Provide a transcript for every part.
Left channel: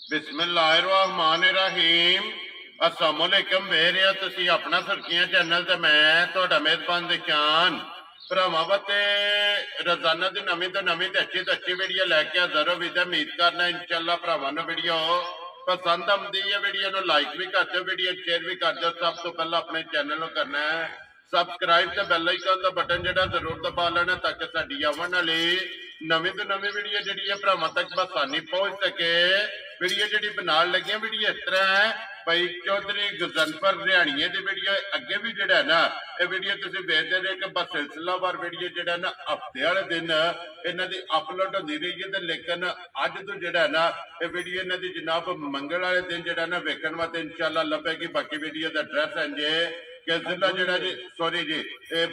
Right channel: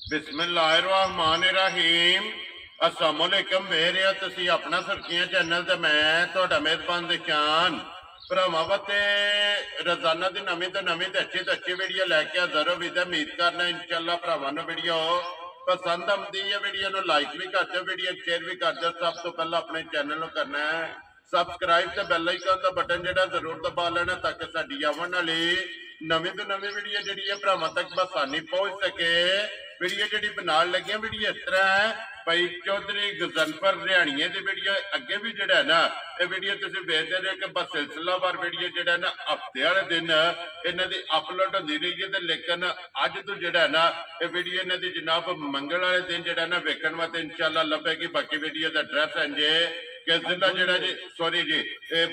बिस्मिल्लाहिर्रहमानिर्रहीम। अस्सलामुअलैकुम वेरिया, तुसी अपना सुर्खियां चैनल ते मैं तुहाडा मेजबान दिशान भरावां वास्ते रोजाना दी नवीं तो अच्छी वीडियो लैके हाज़र हो। उम्मीद करना इंशाअल्लाह भरावां नूं वीडियो पसंद आउंदी है। वीडियो नूं लाइक भी कर दो, वीडियो शेयर भी कर दो। सब तो पहला अपने चैनल नूं करना है सबसक्राइब ते बैल आइकन दा बटन जेड़ा जरूर दबा लेना ताकि साडी आवन वाली नवीं तो नवीं वीडियो जिहड़ी है भरावां तक बसानी पहुंच सके। वीडियो जिहड़ी बनाउण लगे वीडियो इस तरह है भाई चौधरी गजनफर रिहाणिये दी वीडियो अगे भी जिहड़ा है ना ये वीडियो तुसीं वेखदे रहे कि बस सिलसिलावार वीडियो जिहड़ा है ना हफ्ते वाले दिन इन्हां दी अपलोड होंदी रही है। लेकिन अज तो जिहड़ा है ना ये वीडियो इन्हां दी जनाब मंगल वाले दिन जिहड़ा है ना वेखण वास्ते इंशाअल्लाह लभेगी। बाकी वीडियो दा एड्रैस है जे कि जिला जड़ा जी सॉरी जी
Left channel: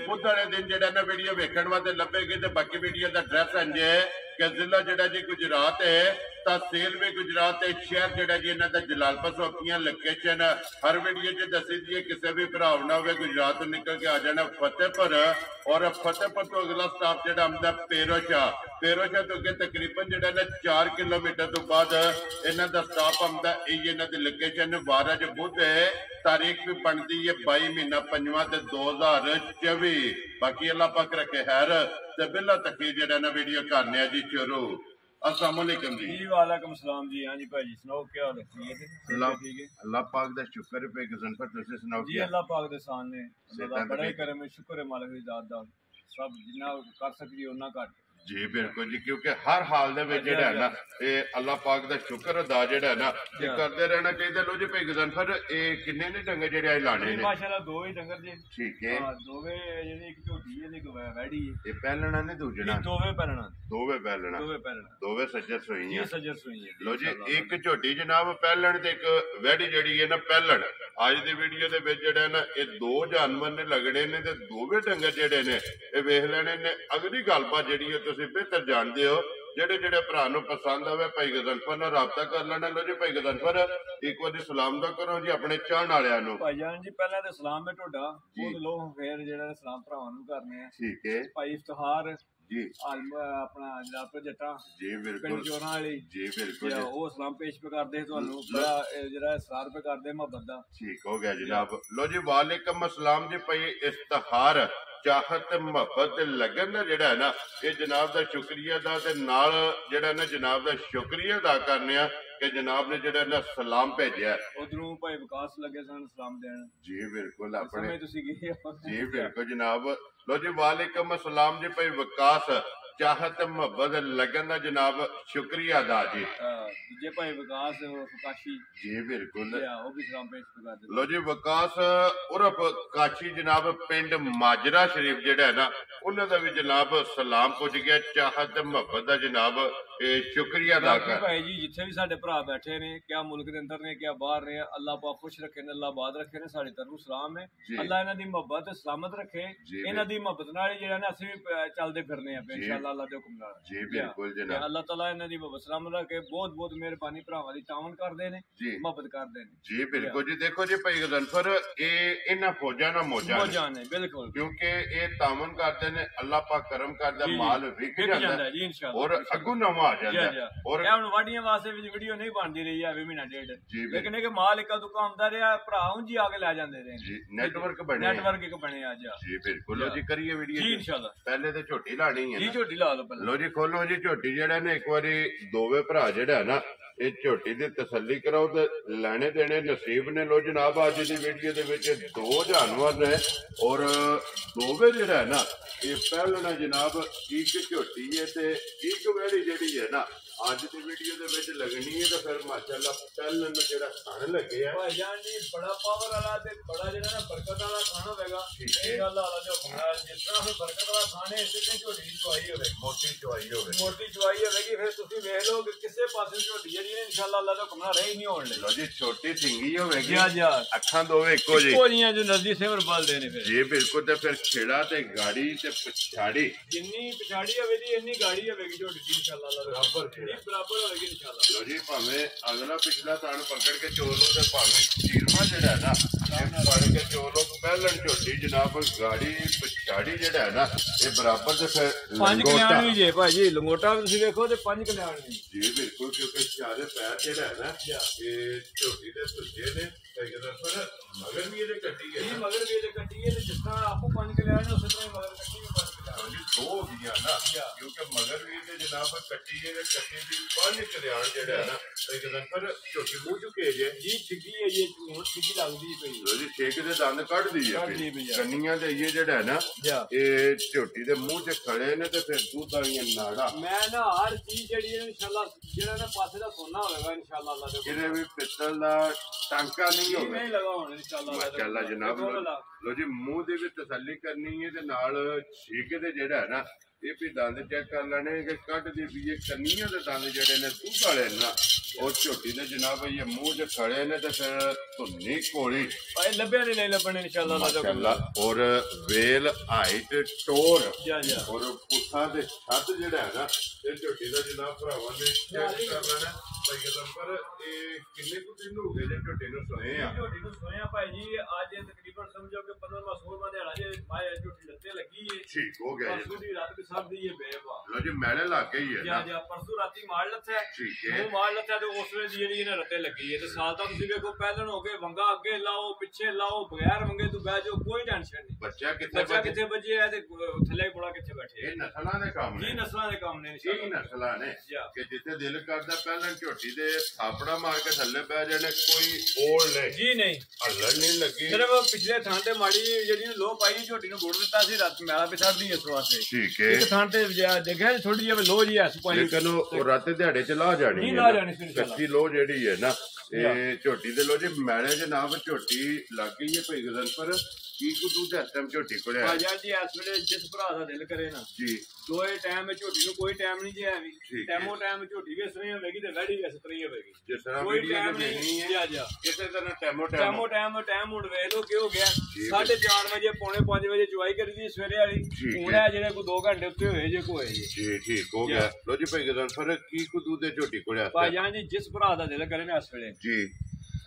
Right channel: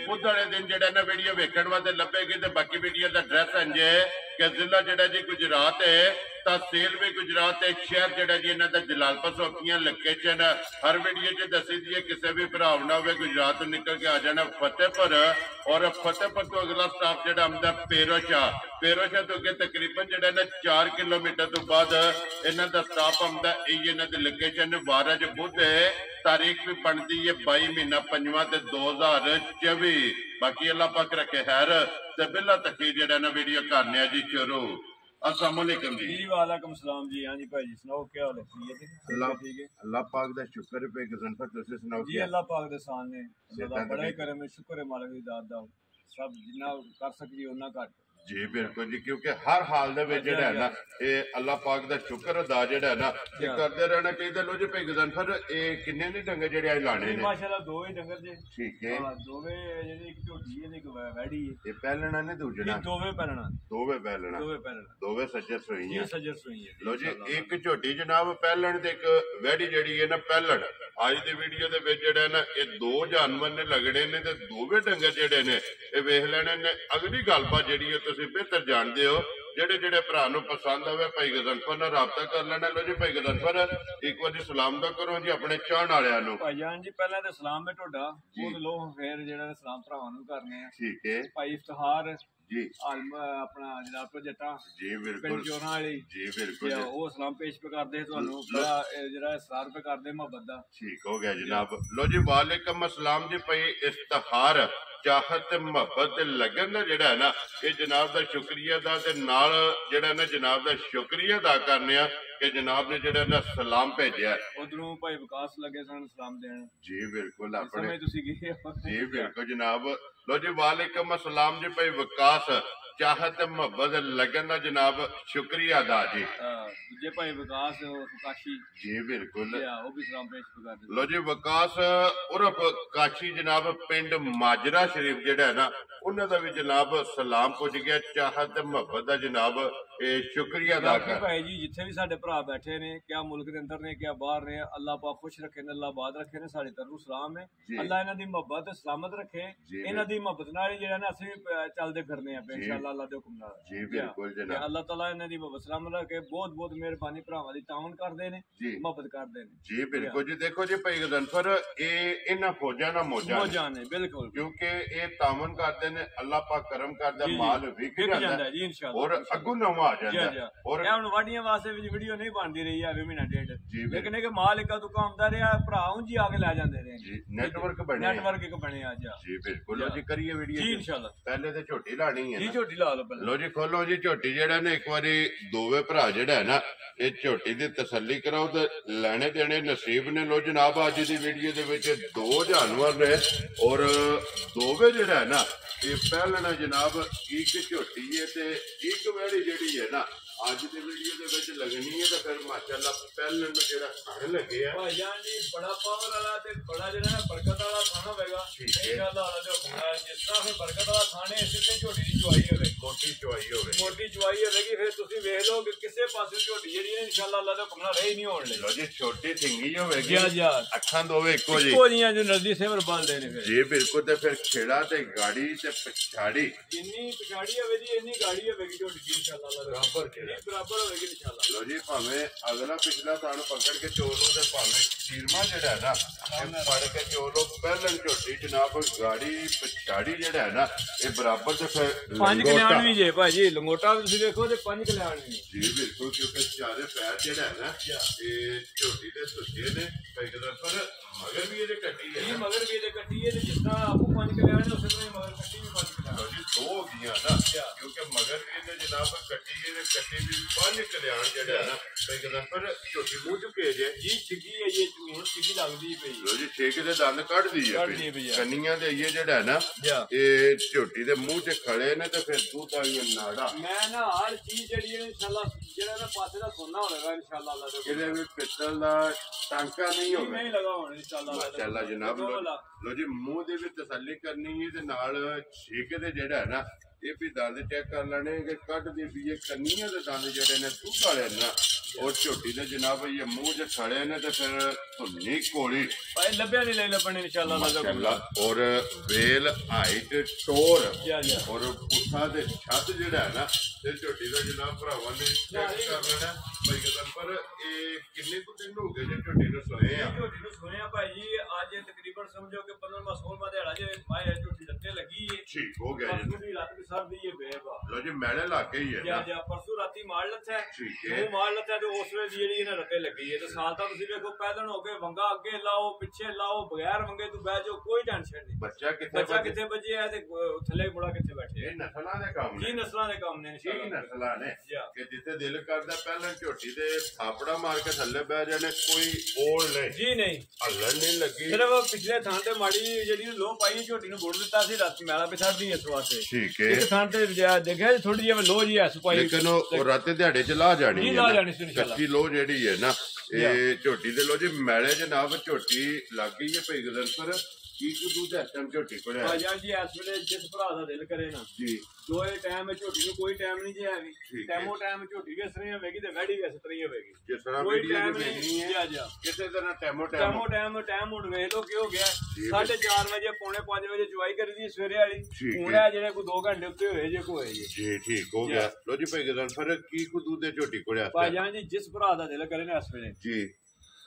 बुध वाले दिन जड़ा ना वीडियो वेखण वास्ते लभेगी। तो बाकी वीडियो का एड्रैस है जे कि जिला जड़ा जी गुजरात है, तहसील भी गुजरात है, शहर जड़ा जी इन्हों का जलालपुर सोपियां लोकेशन हर वीडियो च दसी दी है। किसी भी भरा ना हो गुजरात तो निकल के आ जाना फतेहपुर, और फतेहपुर तो अगला स्टाप जड़ा आंदा पेरोशाह। पेरोशाह तो अगे तकरीबन जड़ा ना 4 किलोमीटर तो बाद इन्हों का स्टाप आंदा। इन्हों की लोकेशन वार अज बुध है, तारीख भी बनती है 22 महीना 5वां 2024। बाकी अल्लाह पाक रखे खैर ते बिल्ला तक जेड़ा ना वीडियो करने जी शुरू। अस्सलाम वालेकुम जी। वालेकुम सलाम जी। हाँ जी भाई जी सुनाओ क्या हाल है? अल्लाह पाक दा शुक्र है पे गजनफर तुसी सुनाओ जी। अल्लाह पाक दे सामने अल्लाह दा बड़ा ही करम है, शुक्र है मालिक दी दात दा। सब जिन्ना कर सकदी उन्ना घट जी बिल्कुल जी, क्योंकि हर हाल दे विच जेड़ा है ना ये अल्लाह पाक दा शुक्र अदा जेड़ा है ना ये करदे रहना चाहिए। लो जी भाई गजनफर ए किन्ने ने डंगर जेड़े आज लाने ने? माशाल्लाह दो ही डंगर जी। ठीक है। हां दोवे जेडी एक झोटी है ते एक वैड़ी है। ये पहलना ने दूजना? दोवे पहलना। दोवे पहलना। दोवे पहलना। दोवे सज्जर सोईयां। जी सज्जर सोईयां। लो जी एक झोटी जनाब पहलन ते एक वैड़ी जेड़ी है ना पहलन। आज दी वीडियो दे विच जेड़ा ना ये दो जानवर ने लगड़े ने ते दोवे डंगर जेड़े ने ये वेख लेने ने। अगली गलबात जेड़ी है तुसीं बेहतर जानदे हो। जेड़े जेड़े भरा नूं पसंद आवे भाई गजनफर नाल राबता कर लेना। लो जी भाई गजनफर एक बार सलाम दा करो जी अपने चाहण वालियां नूं। भाईजान जी पहले ते सलाम है टोडा बहुत लो फिर जेड़ा सलाम भरावां नूं करने आ। ठीक है भाई इफ्तिखार जी अपना जलालपुर जट्टा जी बिल्कुल चोरां वाली जी बिल्कुल वो सलाम पेश पे करदे तुहानू बड़ा जेड़ा इसरार पे करदे मोहब्बत दा। ठीक हो गया जनाब। लो जी वालेकुम अस्सलाम जी। भाई इफ्तिखार चाहत मोहब्बत लगन दा जेड़ा है ना ये जनाब दा शुक्रिया दा ते नाल जेड़ा ना जनाब दा शुक्रिया अदा करने आ कि जनाब ने जेड़ा ना सलाम भेजा। उधरों भाई विकास लगे सन सलाम देन। जी बिल्कुल अपने तुसी गए जी बिल्कुल जनाब। लो जी वालेकुम अस्सलाम जी। भाई विकास चाहत मोहब्बत लगन दा जनाब शुक्रिया अदा जी। दूजे भाई विकास काशी जी बिल्कुल वो भी सलाम पेश कर दे। लो जी विकास उर्फ काशी जनाब पिंड माजरा शरीफ जेड़ा है ना उन्हां दा भी जनाब सलाम पुज गया। चाहत मोहब्बत दा जनाब शुक्रिया अदा कर। भाई जी जिथे भी साडे भरा बैठे ने क्या मुल्क दे अंदर ने क्या बाहर ने अल्लाह पाक खुश रखे ने, अल्लाह आबाद रखे ने। साडी तरफ सलाम है। अल्लाह इन्हां दी मोहब्बत सलामत रखे। इन्हां दी मोहब्बत नाल जेड़ा ना असि भी चलदे फिरने आ इंशाअल्लाह अल्लाह दे हुक्म नाल। जी बिल्कुल जनाब। अल्लाह ताला इन्हां दी मोहब्बत सलामत रखे। बहुत बहुत मेहरबानी भरावां दी तावन करदे ने मोहब्बत करदे ने। जी बिल्कुल जी। देखो जी भाई गजनफर ये इन्हां फौजां ना मौजां ने बिल्कुल क्योंकि ये तावन करदे ने अल्लाह पाक करम करदा माल विक जांदा जी इंशाअल्लाह और अग्गू नवा आ जांदा। और हुण वाडियां वास्ते वीडियो नहीं बनदी रही है महीना डेढ़, लेकिन एक माल इक्का दुक्का आंदा रहा भरा उंजी आके लै जांदे रहे। नेटवर्क एक बने आज जी बिल्कुल। लो जी करिए वीडियो जी इंशाअल्लाह। पहले तो झोटी लानी है जी झोटी ला लो पहले। लो जी खोलो जी झोटी जेड़ा ने एक बारी दोवे भरा जेड़ा है ना ये झोटी दी तसल्ली कराओ ते लेने देने नसीब ने। लो जनाब अज दी वीडियो दे विच दो जानवर ने और दोवे जेड़ा है ना ये पहलना जनाब एक झोटी है ते एक वैड़ी जेड़ी है ना अज दी वीडियो दे विच लगनी है। तो फिर माशाअल्लाह पहलन जेड़ा खाने लगे है भाईजान जी बड़ा पावर वाला ते बड़ा जेड़ा ना बरकत वाला खाना होगा इंशाअल्लाह। जिस तरह से बरकत वाला खाने इस तरह झोटी दी चुआई होवे, मोटी चुआई होवेगी। फिर तुसी वेख लो कि किसे पासे झोटी जेड़ी है इंशाअल्लाह अल्लाह दे हुक्म नाल रही नहीं होण लगी। लो जी छोटी सिंगी होवेगी जी अखां दोवे इक्को जी जो नजदी सिमर बल देने फिर जी बिल्कुल। ते फिर छेड़ा ते गाड़ी ते पिछाड़ी जिन्नी पिछाड़ी होवे जी इन्नी गाड़ी होवेगी झोटी दी इंशाअल्लाह। ਬਰਾਬਰ ਹੋਵੇਗੀ ਇਨਸ਼ਾਅੱਲਾ। ਲੋ ਜੀ ਭਾਵੇਂ ਅਗਲਾ ਪਿਛਲਾ ਥਣ ਪਕੜ ਕੇ ਚੋਲ ਲੋ ਤੇ ਭਾਵੇਂ ਚੀਰਮਾ ਜਿਹੜਾ ਨਾ ਇਹ ਫੜ ਕੇ ਚੋਲ ਲੋ। ਪਹਿਲਣ ਝੋਟੀ ਜਨਾਬ ਗਾੜੀ ਪਛਾੜੀ ਜਿਹੜਾ ਨਾ ਇਹ ਬਰਾਬਰ ਤੇ ਫਿਰ 5 ਕਲਿਆਣ ਵੀ ਜੇ ਭਾਜੀ ਲੰਗੋਟਾ ਤੁਸੀਂ ਵੇਖੋ ਤੇ 5 ਕਲਿਆਣ ਵੀ ਜੀ ਬਿਲਕੁਲ ਕਿਉਂਕਿ ਚਾਰੇ ਪੈਰ ਜਿਹੜਾ ਹੈ ਨਾ ਇਹ ਝੋਟੀ ਦੇ ਸੁੱਜੇ ਨੇ ਪਰ ਮਗਰ ਵੀ ਇਹਦੇ ਕੱਟੀ ਹੈ ਜੀ ਮਗਰ ਵੀ ਇਹਦੇ ਕੱਟੀ ਹੈ ਤੇ ਜਿਸ ਤਰ੍ਹਾਂ ਆਪੋ 5 ਕਲਿਆਣ ਨੇ ਉਸੇ ਤਰ੍ਹਾਂ ਹੀ ਮਗਰ ਕੱਟੀ ਵੀ 5 ਕਲਿਆਣ ਜੀ ਦੋ ਹੋ ਗਈਆਂ ਨਾ ਕਿਉਂਕਿ ਮਗਰ ਵੀ ਇਹਦੇ ਜਨਾਬ ਕੱਟੀ ਹੈ ਤੇ ਕੱਟੀ ਵੀ 5 ਕਲਿਆਣ ਜਿਹੜਾ ਹੈ ਨਾ ਪਰ ਝੋਟੀ ਮੂੰਹ ਚੁੱਕੇ ਜੇ ਜੀ ਛਿੱਗੀ ਹੈ ਇਹ ਹੁਣ ਛਿੱਗੀ ਲੱਗਦੀ ਪਈ ਲੋ ਜੀ ਛੇਕ ਦੇ ਦੰਦ ਕੱਢਦੀ ਹੈ ਕੰਨੀਆਂ ਦੇ ਇਹ ਜਿਹੜਾ ਹੈ ਨਾ ਇਹ ਝੋਟੀ ਦੇ ਮੂੰਹ 'ਚ ਖੜੇ ਨੇ ਤੇ ਫਿਰ ਦੁੱਧ ਵਾਲੀਆਂ ਨਾੜਾ ਮੈਂ ਨਾ ਹਰ ਚੀਜ਼ ਜਿਹੜੀ ਹੈ ਇਨਸ਼ਾਅੱਲਾ ਜਿਹੜਾ ਨਾ ਪਾਸੇ ਦਾ ਸੋਨਾ ਹੋਵੇਗਾ ਇਨਸ਼ਾਅੱਲਾ ਅੱਲਾਹ ਦੇ ਕਿਤੇ ਵੀ ਪਿੱਤਲ ਦਾ ਟਾਂਕਾ ਨਹੀਂ ਹੋਵੇ ਨਹੀਂ ਲਗਾ ਹੁਣ ਇਨਸ਼ਾਅੱਲਾ ਮਾਸ਼ਾਅੱਲਾ ਜਨਾਬ ਲੋ ਜੀ ਮੂੰਹ ਦੇ ਵੀ ਤਸੱਲੀ ਕਰਨੀ ਹੈ ਤੇ ਨਾਲ ਛੇਕ ਦੇ ਜਿਹੜਾ ਹੈ ਨਾ ਇਹ ਵੀ ਦੰਦ ਚੈੱਕ ਕਰ ਲੈਣੇ ਕਿ ਕੱਢਦੀ ਵੀ ਇਹ ਕੰਨੀਆਂ ਦੇ ਦੰਦ ਜਿਹੜੇ ਨੇ ਦੁੱਧ ਵਾਲੇ ਨਾ और झोटी ने जनाब ये मुंह जो खड़े ने तो फिर धुन्नी कोली लभ्या नहीं ले लभने इंशाल्लाह और वेल हाइट टोर और पुठा दे छत जेड़ा है ना ते झोटी दा जनाब भरावां ने चेक कर लेना भाई कदम पर ए किन्ने को दिन हो गए जे झोटी ने सोए आ झोटी ने सोए आ भाई जी आज तकरीबन समझो कि 15 16 दिहाड़ा जे भाई झोटी लत्ते लगी है ठीक हो गया जी परसों दी रात भी सब दी है बेवा लो जी मैले लाके ही है जा परसों राती मार लत्ता है ठीक है वो मार लत्ता ਉਸ ਵੇਲੇ ਜਿਹੜੀ ਇਹਨੇ ਰੱਤੇ ਲੱਗੀ ਹੈ ਤੇ ਸਾਲ ਤੱਕ ਤੁਸੀਂ ਵੇਖੋ ਪਹਿਲਣ ਹੋ ਕੇ ਵੰਗਾ ਅੱਗੇ ਲਾਓ ਪਿੱਛੇ ਲਾਓ ਬਗੈਰ ਵੰਗੇ ਤੋਂ ਬਹਿ ਜਾਓ ਕੋਈ ਟੈਨਸ਼ਨ ਨਹੀਂ ਬੱਚਾ ਕਿੱਥੇ ਬੱਜੇ ਹੈ ਤੇ ਥੱਲੇ ਬੁੜਾ ਕਿੱਥੇ ਬੈਠੇ ਇਹ ਨਸਲਾਂ ਦੇ ਕੰਮ ਨੇ ਜੀ ਨਸਲਾਂ ਦੇ ਕੰਮ ਨੇ ਇਹ ਨਸਲਾਂ ਨੇ ਕਿ ਜਿੱਥੇ ਦਿਲ ਕਰਦਾ ਪਹਿਲਾਂ ਝੋਟੀ ਦੇ ਥਾਪੜਾ ਮਾਰ ਕੇ ਥੱਲੇ ਬਹਿ ਜਾਣੇ ਕੋਈ ਓੜ ਨਹੀਂ ਜੀ ਨਹੀਂ ਹੱਲਣ ਨਹੀਂ ਲੱਗੀ ਸਿਰਫ ਪਿਛਲੇ ਥਾਂ ਤੇ ਮਾੜੀ ਜਿਹੜੀ ਲੋਹ ਪਾਈ ਝੋਟੀ ਨੂੰ ਗੁੜ ਦਿੱਤਾ ਸੀ ਰਾਤ ਮੈਲਾ ਬਿਛੜਦੀ ਇਸ ਵਾਸਤੇ ਠੀਕ ਹੈ ਇੱਕ ਥਾਂ ਤੇ ਦੇਖਿਆ ਥੋੜੀ ਜਿਹੀ ਲੋਹ ਜੀ ਐਸ ਪਾਈ ਲੇਕਿਨ ਉਹ ਰਾਤੇ ਦਿਹਾੜੇ ਚ ਲਾ ਜਾਣੀ ਹੈ ਲਾ ਜਾਣੀ ਸੀ ਕੱਚੀ ਲੋਹ ਜਿਹੜੀ ਹੈ ਨਾ ਇਹ ਝੋਟੀ ਦੇ ਲੋ ਜੀ ਮੈਲੇ ਜਨਾਬ ਝੋਟੀ ਲੱਗ ਗਈ ਹੈ ਭਈ ਗਜ਼ਲ ਪਰ ਕੀ ਕੋ ਦੁੱਧ ਇਸ ਟਾਈਮ ਝੋਟੀ ਕੋਲ ਹੈ ਭਾਈ ਜੀ ਇਸ ਵੇਲੇ ਜਿਸ ਭਰਾ ਦਾ ਦਿਲ ਕਰੇ ਨਾ ਜੀ ਦੋਏ ਟਾਈਮ ਝੋਟੀ ਨੂੰ ਕੋਈ ਟਾਈਮ ਨਹੀਂ ਜੇ ਹੈਗੀ ਟਾਈਮੋ ਟਾਈਮ ਝੋਟੀ ਵੀ ਇਸ ਤਰ੍ਹਾਂ ਹੋਵੇਗੀ ਤੇ ਵੈੜੀ ਵੀ ਇਸ ਤਰ੍ਹਾਂ ਹੀ ਹੋਵੇਗੀ ਜਿਸ ਤਰ੍ਹਾਂ ਵੀਡੀਓ ਦੇ ਦੇਣੀ ਹੈ ਕਿਸੇ ਤਰ੍ਹਾਂ ਟਾਈਮ ਹੁਣ ਵੇਖ ਲਓ ਕੀ ਹੋ ਗਿਆ 4:30 ਵਜੇ ਪੌਣੇ 5 ਵਜੇ ਚੁਆਈ ਕਰੀਦੀ ਸਵੇਰੇ ਵਾਲੀ ਹੁਣ ਆ ਜਿਹੜੇ ਕੋਈ 2 ਘੰਟੇ ਉੱਤੇ ਹੋਏ ਜੇ ਕੋਈ ਜੀ ਠੀਕ ਹੋ ਗਿਆ ਲੋ ਜੀ ਭਾਈ ਗਜ਼ਲ ਫਿਰ ਕੀ ਕੋ ਦੁੱਧ ਦੇ ਝੋਟੀ ਕੋਲ ਹੈ ਭਾਈ ਜਾਨ ਜੀ ਜਿਸ ਭਰਾ ਦਾ ਦਿਲ ਕਰੇ ਨਾ ਇਸ ਵੇਲੇ ਜੀ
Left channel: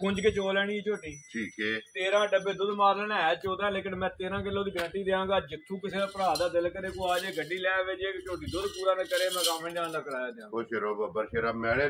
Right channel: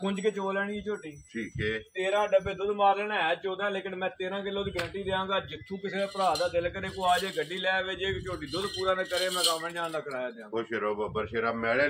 ਕੁੰਜ ਕੇ ਚੋ ਲੈਣੀ ਝੋਟੀ ਠੀਕ ਹੈ 13 ਡੱਬੇ ਦੁੱਧ ਮਾਰ ਲੈਣਾ ਹੈ 14 ਲੇਕਿਨ ਮੈਂ 13 ਕਿਲੋ ਦੀ ਗਾਰੰਟੀ ਦੇਵਾਂਗਾ ਜਿੱਥੋਂ ਕਿਸੇ ਭਰਾ ਦਾ ਦਿਲ ਕਰੇ ਕੋ ਆ ਜੇ ਗੱਡੀ ਲੈ ਆਵੇ ਜੇ ਝੋਟੀ ਦੁੱਧ ਪੂਰਾ ਨਾ ਕਰੇ ਮੈਂ ਕੰਮ ਜਾਣ ਦਾ ਕਰਾਇਆ ਦਿਆਂ ਉਹ ਸ਼ੇਰੋ ਬੱਬਰ ਸ਼ੇਰਾ ਮੈਲੇ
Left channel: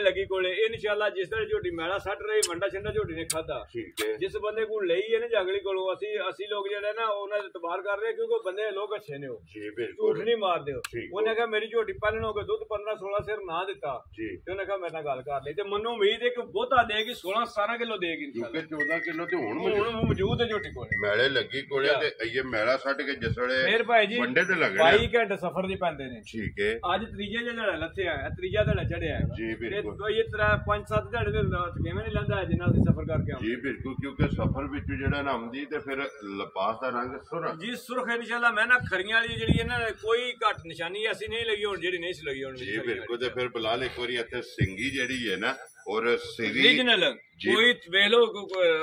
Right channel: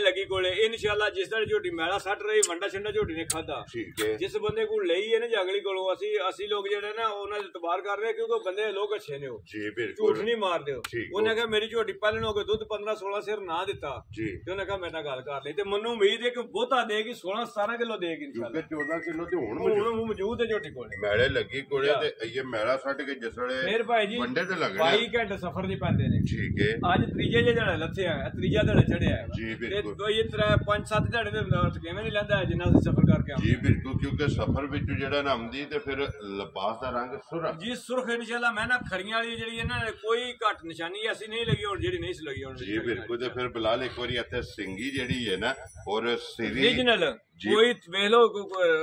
ਲੱਗੀ ਕੋਲੇ ਇਨਸ਼ਾਅੱਲਾ ਜਿਸ ਦਿਨ ਝੋਟੀ ਮੈਲਾ ਸੱਟ ਰਹੀ ਵੰਡਾ ਛੰਡਾ ਝੋਟੀ ਨੇ ਖਾਦਾ ਠੀਕ ਹੈ ਜਿਸ ਬੰਦੇ ਕੋਲ ਲਈ ਹੈ ਨਾ ਜਗਲੀ ਕੋਲੋਂ ਅਸੀਂ ਲੋਕ ਜਿਹੜਾ ਨਾ ਉਹਨਾਂ ਦੇ ਇਤਬਾਰ ਕਰ ਰਹੇ ਕਿਉਂਕਿ ਬੰਦੇ ਲੋਕ ਅੱਛੇ ਨੇ ਉਹ ਜੀ ਬਿਲਕੁਲ ਝੂਠ ਨਹੀਂ ਮਾਰਦੇ ਉਹਨੇ ਕਿਹਾ ਮੇਰੀ ਝੋਟੀ ਪਹਿਲਣ ਹੋ ਕੇ ਦੁੱਧ 15 16 ਸਿਰ ਨਾ ਦਿੱਤਾ ਤੇ ਉਹਨੇ ਕਿਹਾ ਮੇਰੇ ਨਾਲ ਗੱਲ ਕਰ ਲਈ ਤੇ ਮੈਨੂੰ ਉਮੀਦ ਹੈ ਕਿ ਬਹੁਤਾ ਦੇਗੀ 16-17 ਕਿਲੋ ਦੇਗੀ ਕਿਉਂਕਿ 14 ਕਿਲੋ ਤੇ ਹੁਣ ਮੌਜੂਦ ਹੈ ਝੋਟੀ ਕੋਲ ਮੈਲੇ ਲੱਗੀ ਕੋਲੇ ਤੇ ਇਹ ਮੈਲਾ ਛੱਡ ਕੇ ਜਿਸ ਵੇਲੇ ਫਿਰ ਭਾਈ ਜੀ ਵੰਡੇ ਤੇ ਲੱਗ 22 ਘੰਟੇ ਸਫ਼ਰ ਦੀ ਪੈਂਦੇ ਨੇ ਠੀਕ ਹੈ ਅੱਜ ਤੀਜੇ ਜਿਹੜਾ ਲੱਥਿਆ ਹੈ ਤੀਜਾ ਦਿਨ ਚੜਿਆ ਹੈ ਜੀ ਬਿਲਕੁਲ ਤੇ ਇਹ 5-7 ਦਿਹਾੜੇ ਦੇ ਕਿਵੇਂ ਨਹੀਂ ਲੈਂਦਾ ਜਿੰਨਾ ਅਸੀਂ ਸਫ਼ਰ ਕਰਕੇ ਆਉਂਦੇ ਜੀ ਬਿਲਕੁਲ ਕਿਉਂਕਿ ਸਫ਼ਰ ਵਿੱਚ ਜਿਹੜਾ ਨਾ ਆਉਂਦੀ ਤੇ ਫਿਰ ਲਿਬਾਸ ਦਾ ਰੰਗ ਸੁਰਖ ਜੀ ਸੁਰਖ ਇਨਸ਼ਾਅੱਲਾ ਮੈਂ ਨਾ ਖਰੀਆਂ ਵਾਲੀ ਜਿਹੜੀ ਇਹਨਾਂ ਨੇ ਕੋਈ ਘੱਟ ਨਿਸ਼ਾਨੀ ਐਸੀ ਨਹੀਂ ਲੱਗੀ ਹੁਣ ਜਿਹੜੀ ਨਹੀਂ ਸੀ ਲੱਗੀ ਹੁਣ ਜੀ ਬਿਲਕੁਲ ਤੇ ਫਿਰ ਬਲਾਲ ਇੱਕ ਵਾਰੀ ਇੱਥੇ ਸਿੰਗੀ ਜਿਹੜੀ ਹੈ ਨਾ ਔਰ ਸਿਰੀ ਰੀਜਨਲ ਕੋਈ ਵੇਖ ਲੋ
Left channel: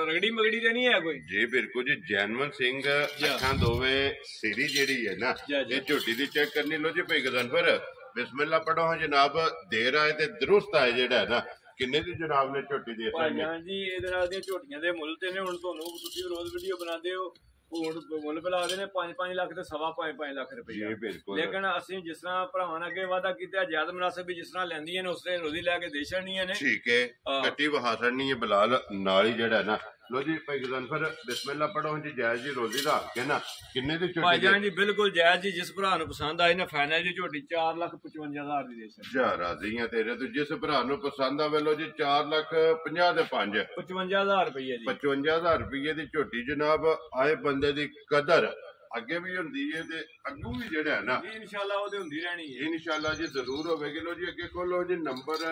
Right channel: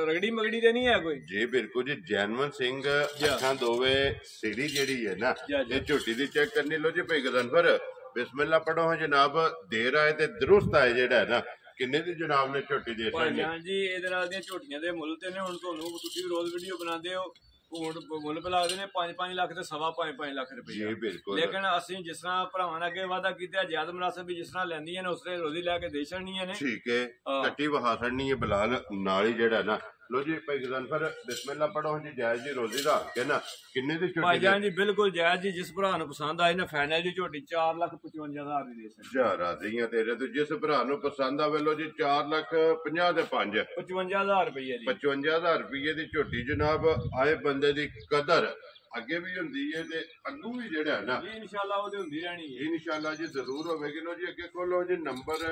ਰਗੜੀ ਮਗੜੀ ਤੇ ਨਹੀਂ ਹੈ ਕੋਈ ਜੀ ਬਿਲਕੁਲ ਜੀ ਜੈਨਵਨ ਸਿੰਘ ਅੱਖਾਂ ਦੋਵੇ ਸਿਰੀ ਜਿਹੜੀ ਹੈ ਨਾ ਇਹ ਝੋਟੀ ਦੀ ਚੈੱਕ ਕਰਨੀ ਲੋ ਜੀ ਭਾਈ ਗਜ਼ਨਫਰ ਬਿਸਮਿਲ੍ਲਾ ਪੜੋ ਜਨਾਬ ਦੇਰ ਆਏ ਤੇ ਦਰੁਸਤ ਆਏ ਜਿਹੜਾ ਹੈ ਨਾ ਕਿੰਨੇ ਦੀ ਜਨਾਬ ਨੇ ਝੋਟੀ ਦੇ ਭਾਈ ਜਾਨ ਜੀ ਇਹਦੇ ਨਾਲ ਦੀਆਂ ਝੋਟੀਆਂ ਦੇ ਮੁੱਲ ਤੇ ਨੇ ਹੁਣ ਤੁਹਾਨੂੰ ਤੁਸੀਂ ਰੋਜ਼ ਵੀਡੀਓ ਬਣਾਉਂਦੇ ਹੋ ਹੁਣ ਮੁੱਲ ਪਿਲਾ ਦੇ ਨੇ 5-5 ਲੱਖ ਤੇ 5.5 ਲੱਖ ਰੁਪਏ ਲੇਕਿਨ ਅਸੀਂ ਜਿਸ ਤਰ੍ਹਾਂ ਭਰਾਵਾਂ ਨੇ ਅੱਗੇ ਵਾਅਦਾ ਕੀਤਾ ਜ਼ਿਆਦਾ ਮੁਨਾਸਿਬ ਵੀ ਜਿਸ ਤਰ੍ਹਾਂ ਲੈਂਦੀਆਂ ਨੇ ਉਸ ਤਰ੍ਹਾਂ ਰੋਜ਼ੀ ਲੈ ਕੇ ਦੇ ਛੜਨੀਆਂ ਨੇ ਠੀਕ ਹੈ ਕੱਟੀ ਵਹਾ ਛੜਨੀ ਹੈ ਬਲਾਲ ਨਾਲ ਹੀ ਜਿਹੜਾ ਨਾ लो जी भाई गज़नफर बिस्मिल्लाह पढ़ो जी जायज जी रोजी दा के ना किन्ने दी झोटी भाई जान जी बिल्कुल जायज जी जिस भरा नु पसंद आई ना फाइनल जी झोटी 4,55,000 दी दे सकते जा राजी हैं तेरे तो जिस भरा नु पसंद आवे लो जी 4,50,000 दे 5 55,000 रुपए जी 55,000 रुपए दी झोटी जनाब आए बंदे दी कदर ਅੱਗੇ ਵੀ ਹੁੰਦੀ ਹੈ ਤੇ ਅੱਗੂ ਵੀ ਜਿਹੜਾ ਹੈ ਨਾ ਇਨਸ਼ਾਅੱਲਾ ਉਹਦੇ ਹੁੰਦੀ ਰਹਿਣੀ ਹੈ ਇਨਸ਼ਾਅੱਲਾ ਜੀ ਜ਼ਰੂਰ ਹੋਵੇਗੀ ਲੋ ਜੀ ਅੱਗੇ ਖੋਲੋ ਜੀ ਨੰਬਰ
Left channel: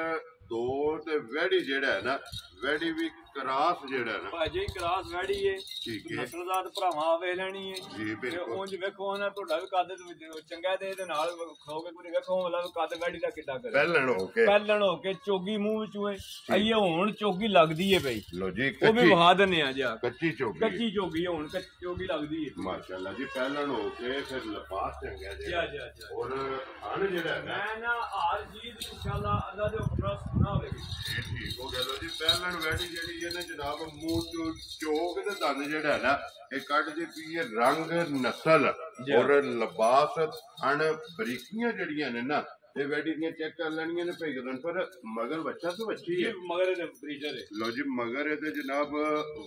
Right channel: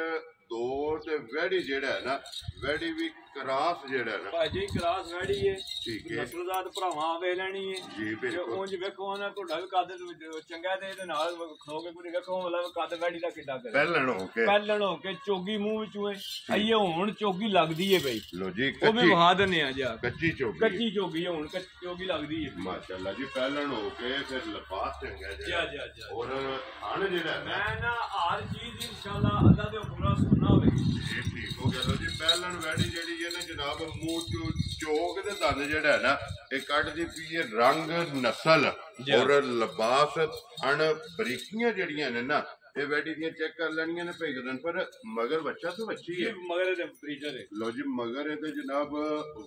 ਦੋ ਤੇ ਵੈੜੀ ਜਿਹੜਾ ਹੈ ਨਾ ਵੈੜੀ ਵੀ ਕਰਾਸ ਜਿਹੜਾ ਹੈ ਨਾ ਭਾਜੀ ਕਲਾਸ ਵੈੜੀ ਏ ਠੀਕ ਹੈ ਨਸਲਦਾਰ ਭਰਾਵਾਂ ਵੇ ਲੈਣੀ ਏ ਜੀ ਤੇ ਬਿਲਕੁਲ ਉਂਝ ਵੇਖੋ ਨਾ ਤੁਹਾਡਾ ਵੀ ਕੱਦ ਚੰਗਾ ਤੇ ਇਹਦੇ ਨਾਲ ਖਾਓਗੇ ਪੂਰੀ ਵੇਖੋ ਮਤਲਬ ਕੱਦ ਵੈੜੀ ਦਾ ਕਿੱਦਾਂ ਕਰੇ ਪਹਿਲਣ ਹੋ ਕੇ ਪਹਿਲਣ ਹੋ ਕੇ ਚੋਗੀ ਮੂੰਹ ਵਿੱਚੋਂ ਏ ਆਈਏ ਹੁਣ ਚੋਗੀ ਲੱਗਦੀ ਏ ਬਈ ਲੋ ਜੀ ਉਹ ਵੀ ਵਹਾ ਦਿੰਨੇ ਆ ਜਾ ਕੱਚੀ ਚੋਗੀ ਕੱਚੀ ਚੋਗੀ ਹੁਣ ਚੋਗੀ ਲੱਗਦੀ ਏ ਮਾਸ਼ਾਅੱਲਾ ਜੀ ਪਹਿਲਣ ਹੋ ਕੇ ਫਿਰ ਲਿਬਾਸ ਚੰਗਾ ਜਾ ਜਿਹੜਾ ਜਾ ਔਰ ਹਣ ਜਿਹੜਾ ਹੈ ਨਾ ਮੈਂ ਨਾ ਹਰ ਚੀਜ਼ ਇਨਸ਼ਾਅੱਲਾ ਅੱਲਾ ਦੇ ਹੁਕਮ ਨਾਲ ਸੁਣਨਾ ਹੋਵੇਗੀ ਜੀ ਠੀਕ ਹੋ ਗਿਆ ਲੋ ਜੀ ਪਹਿਲਣ ਵੈੜੀ ਜਿਹੜੀ ਹੈ ਨਾ ਜਨਾਬ ਮੂੰਹ ਚੋਂ ਚੋਕ ਦੇ ਦੰਦ ਜਿਹੜਾ ਹੈ ਨਾ ਇਹ ਕੱਢਦੀ ਪਈ ਹੈ ਰੰਗ ਨਸਲ ਔਰ ਲਿਬਾਸ ਹਣ ਬਰੀਕੀਆਂ ਜਿਹੜੀਆਂ ਨੇ ਨਾ ਇਹ ਵੈਡੀ ਦੀਆਂ ਚੈੱਕ ਕਰ ਲੈਣੀਆਂ ਨੇ ਭੇਜਣ ਪਰ ਮਗਰ ਬੱਚਾ ਤਾਂ ਬੱਚੀ ਹੈ ਮਗਰ ਇਹਦੇ ਬਰੀਜਰ ਏ ਲੋ ਜੀ ਮਗਰ ਇਹਦੇ ਜਨਾਬ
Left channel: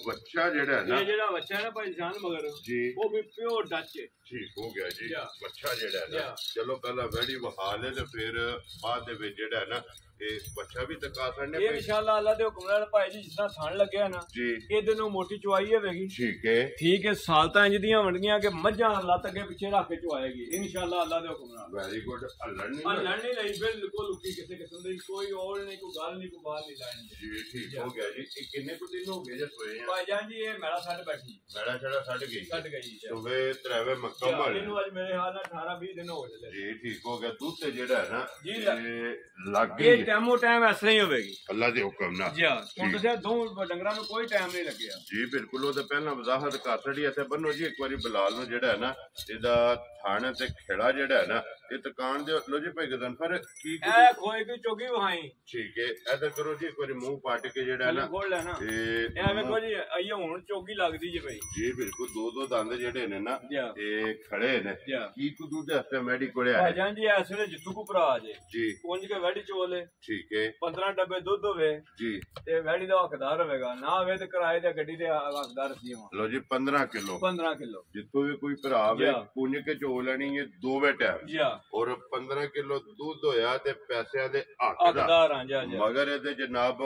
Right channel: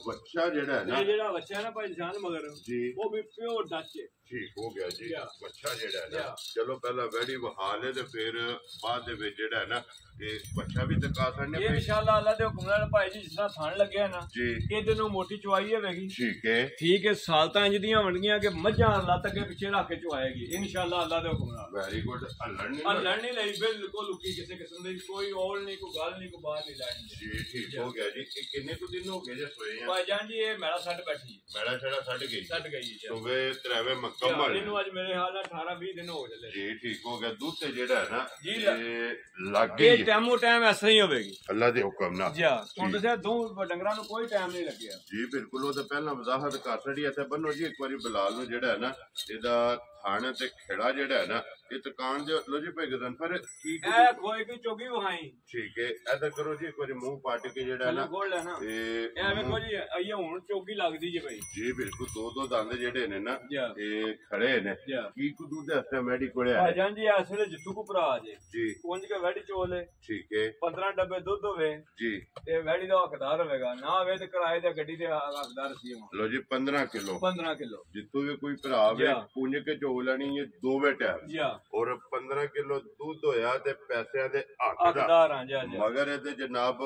ਬੱਚਾ ਜਿਹੜਾ ਹੈ ਨਾ ਇਹ ਜਿਹੜਾ ਬੱਚਾ ਹੈ ਨਾ ਭਾਈ ਜਾਨ ਮਗਰ ਜੀ ਉਹ ਵੀ ਪਿਓਰ ਡੱਚ ਏ ਠੀਕ ਹੋ ਗਿਆ ਜੀ ਬੱਚਾ ਜਿਹੜਾ ਹੈ ਨਾ ਚਲੋ ਪਹਿਲਾਂ ਵੈੜੀ ਵਹਾ ਲੈ ਤੇ ਫਿਰ ਬਾਅਦ ਦੇ ਵਿੱਚ ਜਿਹੜਾ ਹੈ ਨਾ ਇਹ ਬੱਚਾ ਵੀ ਤਕਾ ਸਕਦੇ ਇਹ ਇਨਸ਼ਾਅੱਲਾ ਅੱਲਾ ਦੇ ਹੁਕਮ ਨਾਲ ਭਾਈ ਜੀ ਜਿਸ ਤਰ੍ਹਾਂ ਥਣ ਲੱਗਿਆ ਨਾ ਜੀ ਇਹਦੇ ਨੂੰ ਮੋਟੀ ਚੁਆਈ ਹੋਵੇਗੀ ਠੀਕ ਹੈ ਠੀਕ ਹੈ ਸਾਲਤਾਂ ਇੰਜ ਦੀਆਂ ਬਣਨੀਆਂ ਕਿ ਮੱਝਾਂ ਲੱਤ ਅੱਗੇ ਪਿੱਛੇ ਰੱਖ ਕੇ ਚੁਆਏਗੀ ਇਨਸ਼ਾਅੱਲਾ ਅੱਲਾ ਦੇ ਹੁਕਮ ਨਾਲ ਵੈਰੀ ਗੁੱਡ ਹੱਲਣ ਆ ਨਹੀਂ ਲੜਨੀ ਨਹੀਂ ਬਿਲਕੁਲ ਲੁਕੀ ਕਿਸੇ ਕਿਸਮ ਦੀ ਕੋਈ ਔਲ ਨਹੀਂ ਕੋਈ ਗੱਲ ਨਹੀਂ ਕੋਈ ਬਾਹਰ ਨਹੀਂ ਲੈਣੀ ਜੀ ਠੀਕ ਹੋ ਗਿਆ ਜੀ ਇਹ ਕਿੰਨੇ ਕੁ ਦਿਨ ਹੋ ਗਏ ਜੇ ਸੋਏ ਆ ਭਾਈ ਜਾਨ ਜੀ ਇਹ ਮੇਰਾ ਸੈੱਟ ਬੈਠੀ ਮੈਲਾ ਛੜਾ ਛੱਡ ਗਈ ਛੱਡ ਗਈ ਜੀ ਸੁਬੇ ਤਰਾਵੇ ਮੱਕਮ ਵਾਲੇ ਇਹਨੂੰ ਅੱਜ ਮੇਰੇ ਹਾਲ ਨਾਲ 18 20 ਦਿਨ ਹੋ ਚੱਲੇ ਜੀ ਠੀਕ ਹੋ ਗਿਆ ਦੁੱਧ ਤੇ ਜਿਹੜਾ ਹੈ ਨਾ ਜੀ, ਇਹ ਲੱਗ ਇਹ ਗਈ ਟਾਈਮੋ ਟਾਈਮ ਇਸ ਤਰ੍ਹਾਂ ਹੀ ਹੋਵੇਗੀ ਅੱਲਾ ਦੇ ਹੁਕਮ ਨਾਲ ਜੀ ਤੁਹਾਨੂੰ ਦੱਸਿਆ ਦੋ ਡੰਗਰਾਂ ਨੂੰ ਕੋਈ ਟਾਈਮ ਨਹੀਂ ਲੱਗਿਆ ਜੀ ਬਿਲਕੁਲ ਉਹਦੇ ਪਹਿਲਾਂ ਵਜ਼ਾਹਤ ਕਰ ਛੜੀ ਇੱਥੇ ਬੰਨੋ ਜੀ ਇੱਕ ਵਾਰੀ ਬਲਾਲ ਨੂੰ ਜਿਹੜਾ ਹੈ ਨਾ ਇਹਦਾ ਥਾਣੇ ਤੇ ਖੇੜਾ ਜਿਹੜਾ ਹੈ ਨਾ ਇਹ ਦੁਕਾਨ ਦੇ ਲੋ ਜੀ ਭਾਈ ਗਦਨਫਰ ਠੀਕ ਇਹ ਖੋਏ ਕੀ ਚੋਗੀ ਵਹਾਈ ਠੀਕ ਹੈ ਇਧਰ ਕਰੋ ਜੀ ਇੱਕ ਵਾਰੀ ਮੂੰਹ ਪਾਟ ਕੇ ਜਿਹੜਾ ਹੈ ਨਾ ਖੋਲ ਲੈਣਾ ਇਹ ਵੇਖੋ ਜੀ ਆਈਏ ਹੁਣ ਚੋਗੀ ਲੱਗਦੀ ਜੇ ਭਾਈ ਜੀ ਬਿਲਕੁਲ ਦੋ ਦੋ ਦੰਦ ਜਿਹੜੇ ਨੇ ਨਾ ਜੀ ਇਹ ਖੜੇ ਨੇ ਜੀ ਕੀ ਕੁ ਦੁੱਧ ਹਸਤੇ ਮੈਡੀ ਕੋਲੇ ਆ ਭਾਜਾਂ ਜੀ ਇਸ ਵੇਲੇ ਜਿੱਥੂ ਕੋ ਭਰਾ ਜੇ ਜੀ ਪੁੰਜ ਕੇ ਵੈੜੀ ਚੋਲੇ ਠੀਕ ਹੈ 15 ਡੱਬੇ ਦੁੱਧ ਹੋਵੇ ਜੀ ਤੇ ਵੈੜੀ ਦਾ ਹੱਕਦਾਰ ਹੋਵੇਗਾ ਨਾ ਹੋਵੇ ਤੇ ਕਿਰਾਏ ਤੇ ਗੱਡੀ ਦੇ ਹੱਕਦਾਰ ਸੀ ਲੋ ਜੀ 15 ਕਿਲੋ 15 ਕਿਲੋ ਜਿੱਥੋਂ ਵੀ ਕੋਈ ਭਰਾ ਵੇ ਪੁੰਜ ਕੇ ਚੋ ਲੈਣੀ ਹੈ ਦੋਵੇਂ ਟਾਈਮ ਜੀ ਔਰ 15 ਕਿਲੋ ਦੁੱਧ ਹੋਇਆ ਤੇ ਪੈਸਿਆਂ ਦੇ ਹੱਕ ਦਾ ਹੱਕਦਾਰ ਹਾਂ ਜੀ ਮਗਰ ਇਹਦੇ ਜਨਾਬ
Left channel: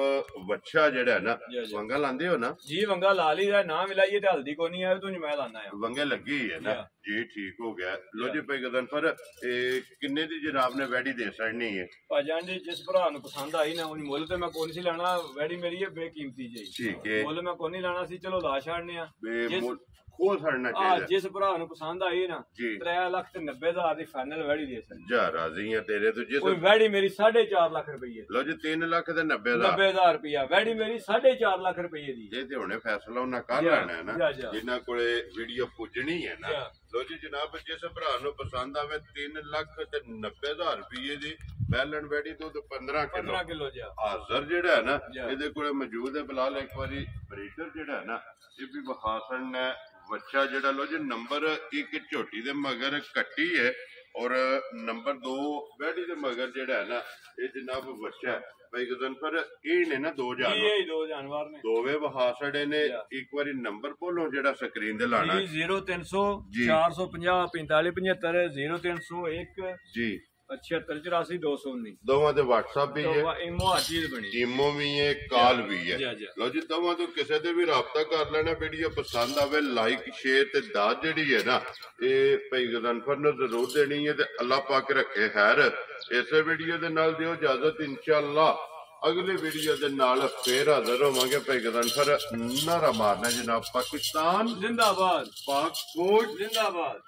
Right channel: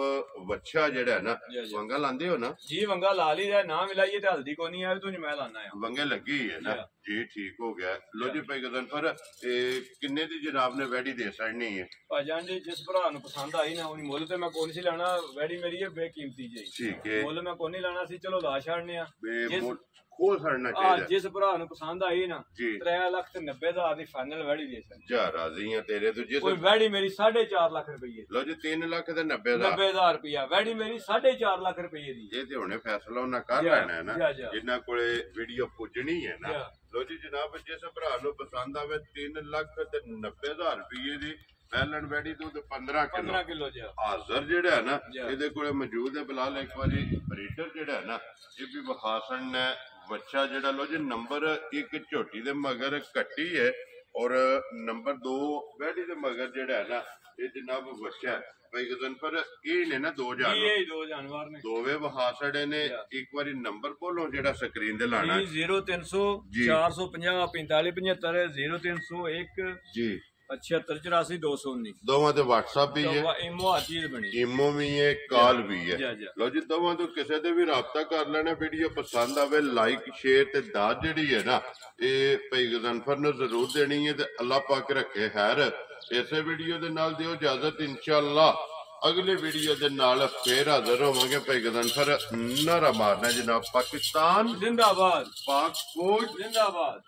ਵੱਛਾ ਜਿਹੜਾ ਹੈ ਨਾ ਵੰਗਾ ਲਾਂਦੇ ਹੋ ਨਾ ਜੀ ਵੰਗਾ ਲਾ ਲਈ ਦਾ ਨਾ ਮਿਲਾਈਏ ਤੇ ਹਲਦੀ ਕੋ ਨਹੀਂ ਆਵੇ ਤੂੰ ਮੈਂ ਲਾਣਾ ਆ ਵੰਗੇ ਲੱਗੀ ਹੈ ਨਾ ਜੀ ਠੀਕ ਹੋ ਗਿਆ ਲੋ ਜੀ ਭਾਈ ਗਦਨਫਰ ਇਹ ਕਿੰਨੇ ਦੀ ਜਨਾਬ ਨੇ ਵੈੜੀ ਦੇ ਛੜਨੀ ਹੈ ਭਾਜਾਂ ਜੀ ਜਿਸ ਭਰਾ ਨੂੰ ਪਸੰਦ ਆਈ ਨਾ ਉਹਨੇ ਮੁੱਲ ਤੇ ਮੈਂ ਕੋਈ ਨਹੀਂ ਸੀ ਲੈਣਾ ਵੈੜੀ ਮੇਰੀ ਹੈ ਬੇਕੀਮਤੀ ਜੀ ਠੀਕ ਹੈ ਮੁੱਲ ਮੈਂ ਕੋਈ ਨਹੀਂ ਲੈਣਾ ਸੀ ਚਲੋ ਲਾ ਛੱਡਨੇ ਆ ਖੋ ਛੜਨਾ ਚਾਹੀਦਾ ਜਿਸ ਭਰਾ ਨੂੰ ਪਸੰਦ ਆਈ ਨਾ ਜੀ 3,90,000 ਦੀ ਫਾਈਨਲ ਵੈੜੀ ਦੇ ਸਕਦਾ ਜਾ ਰਾਜ਼ੀ ਆ ਤੇਰੇ ਤੋਂ ਜਿਸ ਕੋਈ ਵੈੜੀ ਮੇਰੀ 4.5 ਲੱਖ ਰੁਪਏ ਲੋ ਜੀ 3 ਲੱਖ ਤੇ 90,000 90,000 ਰੁਪਇਆ ਵੈੜੀ ਮੇਰੀ 4.5 ਲੱਖ ਰੁਪਏ ਦੀ ਇਹ ਤੇ ਹੁਣੇ ਫੈਸਲਾ ਉਹਨਾਂ ਕਰ ਲੈਣਾ ਹੈ ਨਾ ਜਿਨ੍ਹਾਂ ਕੋਲੇ ਵੀਡੀਓ ਪੁੱਜਣੀ ਹੈ ਨਾ ਲੋ ਜੀ ਜਨਾਬ ਜਿਸ ਭਰਾ ਨੂੰ ਪਸੰਦ ਆਵੇ 3 ਲੱਖ ਤੇ 90,000 ਰੁਪਏ ਦੀ ਬੈਲਨ ਵੈੜੀ ਦੁੱਧ 15 ਕਿਲੋ ਜੀ ਹਾਜ਼ਰ ਜਿਹੜਾ ਹੈ ਨਾ ਇਹਦੇ ਕੋਲੇ ਮੌਜੂਦ ਹੈ ਬਲਾਲ ਇੱਕ ਵਾਰੀ ਬਰੀਡਰ ਜਿਹੜਾ ਹੈ ਨਾ ਇਹ ਵੀ ਵਿਖਾਸਣ ਹੈ ਬੱਚਾ ਜਿਹੜਾ ਲੋ ਜੀ ਨੰਬਰ 1 ਝੋਟੀ ਦੇ ਮਗਰ ਕੱਟੀ ਹੈ ਔਰ ਨੰਬਰ 2 ਵੈੜੀ ਦੇ ਮਗਰ ਜਿਹੜਾ ਹੈ ਨਾ ਇਹ ਜਨਾਬ ਬੱਚਾ ਹੈ ਭਾਈ ਗਦਨਫਰ ਇਹ ਨੇ ਨਾ ਦੋ ਜਾਨਵਰ ਨੇ ਦੋਵੇਂ ਵਹਾਸੜੇ ਨੇ ਇੱਕ ਵਾਰੀ ਨੰਬਰ ਬੋਲੋ ਜਿਹੜਾ ਸਕਰੀਨ ਤੇ ਲਾਣਾ ਹੈ 0300 450 4575 0301 ਜੀ 7684 ਦੋਵਾਂ ਤੇ WhatsApp ਵੀ ਹੈ ਇਮੋ ਆਚੀਜ਼ ਬਣੀ ਇਮੋ ਵੀ ਹੈ ਕਾਲ ਵੀ ਹੈ ਲਓ ਜੀ ਦੋਵਾਂ ਤੋਂ ਕਿਸੇ ਤੇ ਵੀ ਰਾਬਤਾ ਕਰ ਲੈਣਾ ਵੀਡੀਓ ਪਸੰਦ ਆਵੇ ਲਾਈਕ ਸ਼ੇਅਰ ਤੇ ਦਾਤ ਜਿਹੜੀ ਹੈ ਨਾ ਇਹ ਭਾਈ ਗਦਨਫਰ ਨੂੰ ਜ਼ਰੂਰ ਦੇਣੀ ਹੈ ਤੇ ਅੱਲਾਹ ਪਾਕ ਰੱਖੇ ਖੈਰ ਇਸੇ ਵੀਡੀਓ ਦੇ ਨਾਲ ਦਿਓ ਇਜਾਜ਼ਤ ਇਨਸ਼ਾਅੱਲਾ ਅਗਲੇ ਵੀਡੀਓ ਦੇ ਨਾਲ ਫੇਰ ਹਾਜ਼ਰ ਹੋਵਾਂਗੇ ਭਾਈ ਗਦਨਫਰ ਨਾਰਾ ਮਾਰਨਾ ਜਨਾਬ ਪਾਕਿਸਤਾਨ ਜ਼ਿੰਦਾਬਾਦ ਪਾਕ ਫੌਜ ਜ਼ਿੰਦਾਬਾਦ